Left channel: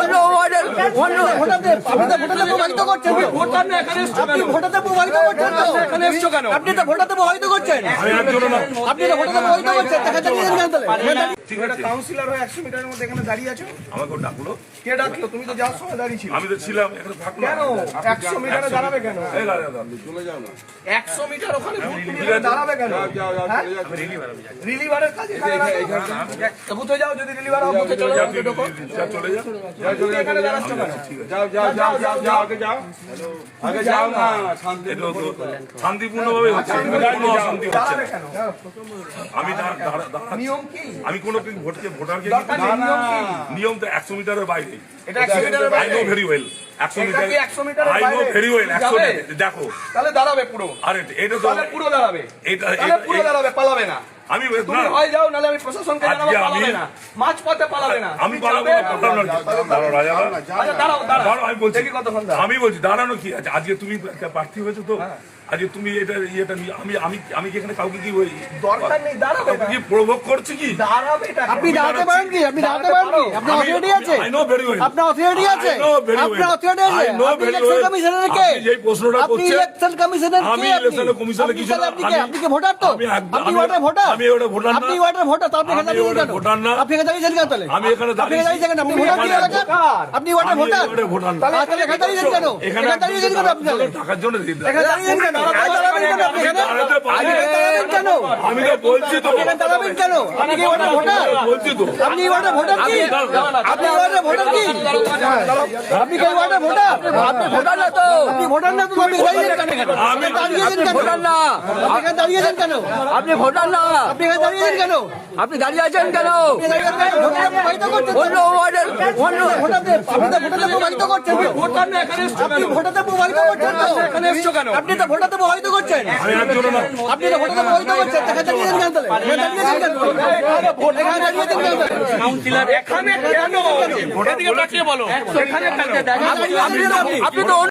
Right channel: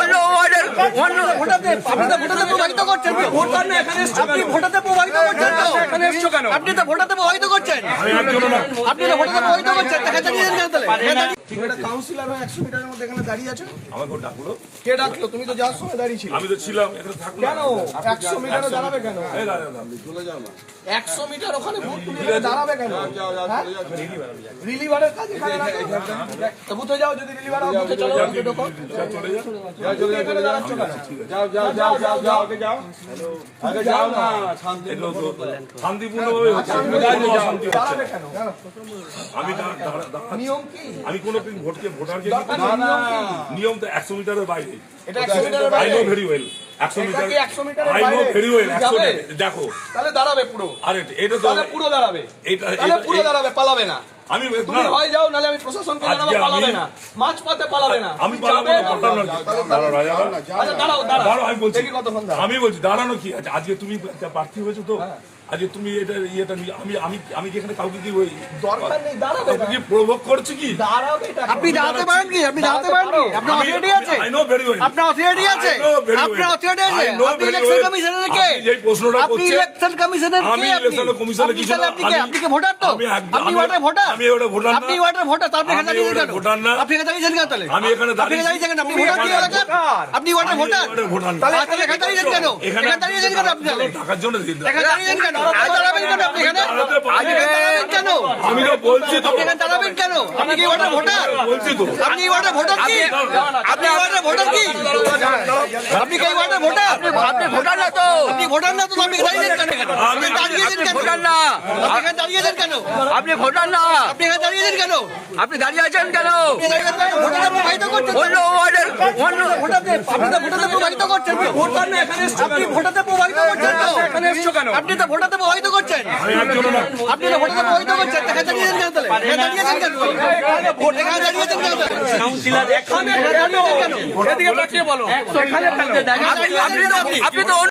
অন্য ওয়ার্ডের অন্য আপনি তো ভোটাতে প্রভাবিত করছেন। কাউন্সিলর হয়ে 100 মিটারের মধ্যে এখানে দাঁড়িয়ে আছো। আমাকে ডাকলো, কে ডাকলো? তুমি তো যাওয়ার সময় দাঁড়িয়ে ছিল। আমি তো ছিলাম এখানে থাকলাম। কেন 100 মিটারে দাঁড়াবে কেন? চলে যাও না, 100 মিটার ওখানে ভোট নিয়ে দাঁড়াবে কেন? রিলিভারের কাজ এখানে না। তো বুথে যাও, যদি রিলিভার হবে বুথে চলো, বুথে ঢোকো। চলে যাও, এখানে দাঁড়াচ্ছ কেন? আগে যাও না, শান্তিপূর্ণভাবে হচ্ছে, কোনো অশান্তি হচ্ছে দাঁড়াবে না। কেন? আমি নিয়ম কি? আমি কোনো ভোটারকে নিয়ম তো 100 মিটারের বাইরে। এটা 100 মিটারের আই বাইরে। নো ভেরি ওয়েল 100 মিটার, 100 মিটারের আই নো বাইরে ভেরি ওয়েল 100 যাবে? মিটার। দেখো তাহলে দাঁড়াবে পুরো। আরে এটা তো তাহলে পুরো দাঁড়াবে। তাহলে পুরো দাঁড়াবে, পালাবে না। আমি তুমি হয় যাও, নালে আমি প্রশাসনকে জানাবো, পালাবে না। মাঝপথে পালাবে না। আমি পালাবো না, দাঁড়াও আচ্ছা দাঁড়াও, দাঁড়াও। আমি বলছি, দেখি কতক্ষণ দাঁড়াও। আমি বলছি দাঁড়ানো কি আছে? আজকে তুমি একটা প্রার্থী হয়েছো তো, আজকে তুমি এটা ইয়েটা আমি কি এখানে কাউকে কি ওই দরকার নেই, দাঁড়াবে না। কি প্রভোগ করছি কি? দাঁড়াবে এটা। আপনি দাঁড়াতে পারেন কি? আপনি দাঁড়াতে পারেন কি? আপনার অথরিটি আছে? আই নো ভেরি ওয়েল, আপনার অথরিটি আছে? I know very well. আপনার অথরিটি আছে? I know আপনি very ইলেকশন well. কমিশনার কে? আপনি যেই প্রশ্নটা আপনি করছেন, ইলেকশন কমিশনার কে? আমি ইলেকশন কমিশনার কিছু না। আপনি কি ভোটার তো? আমি আপনি ওয়ার্ডের ভোটার? আমি ওটা ভোটার না। আপনি ওয়ার্ডের ভোটার, তাহলে এখানে আমি দাঁড়িয়ে ওটা কেন? ভোটার না। আপনি এখানে দাঁড়িয়েছেন কেন তাহলে? আমি এখানে আপনি দাঁড়িয়ে দাঁড়িয়ে থাকেন, আপনি ভোটার কি এলাকার? আপনি ওয়ার্ডের আমি ভোটার? ওটা ভোটার না। তাহলে এখানে দাঁড়িয়েছেন কেন? এখানে এখানে দাঁড়িয়েছেন কেন আপনি তাহলে? টাকার জন্য এখানে দাঁড়িয়েছেন কেন? দাঁড়াবেন কেন আপনি এখানে? দাঁড়াতে পারবো না। দাঁড়াবেন কেন? আমি তো বলছি তো, আপনি এখানে দাঁড়াবেন কেন? আপনি কি ওয়ার্ডের ভোটার? বলছি তো। আপনি ওয়ার্ডের ভোটার কি? আপনি ওয়ার্ডের ভোটার কি? আপনি কি ওয়ার্ডের ভোটার? আপনি ভোটার না তো? আপনি ভোটার না তো? আপনি দাঁড়িয়েছেন কেন এখানে? আপনি দাঁড়িয়েছেন কেন? ভোটার না। আপনি এখানে দাঁড়িয়েছেন কেন? আপনি ভোটার না। আপনি এখানে দাঁড়িয়েছেন কেন? আপনি দাঁড়িয়ে আছেন কেন? অন্য ওয়ার্ডের অন্য ভোটারতে প্রভাবিত করছেন। ভোটার না এখানে, আপনি ভোটাতে প্রভাবিত করছেন তো? এখানে এসছো কেন? আপনি তো ভোটাতে প্রভাবিত করছেন। আমি একজন না। আপনি তো ভোটাতে প্রভাবিত করছেন। এখানে দাঁড়িয়েছেন কেন তাহলে? এখানে দাঁড়িয়েছেন কেন? এখানে দাঁড়িয়েছেন কেন? এখানে কেন? আপনি তো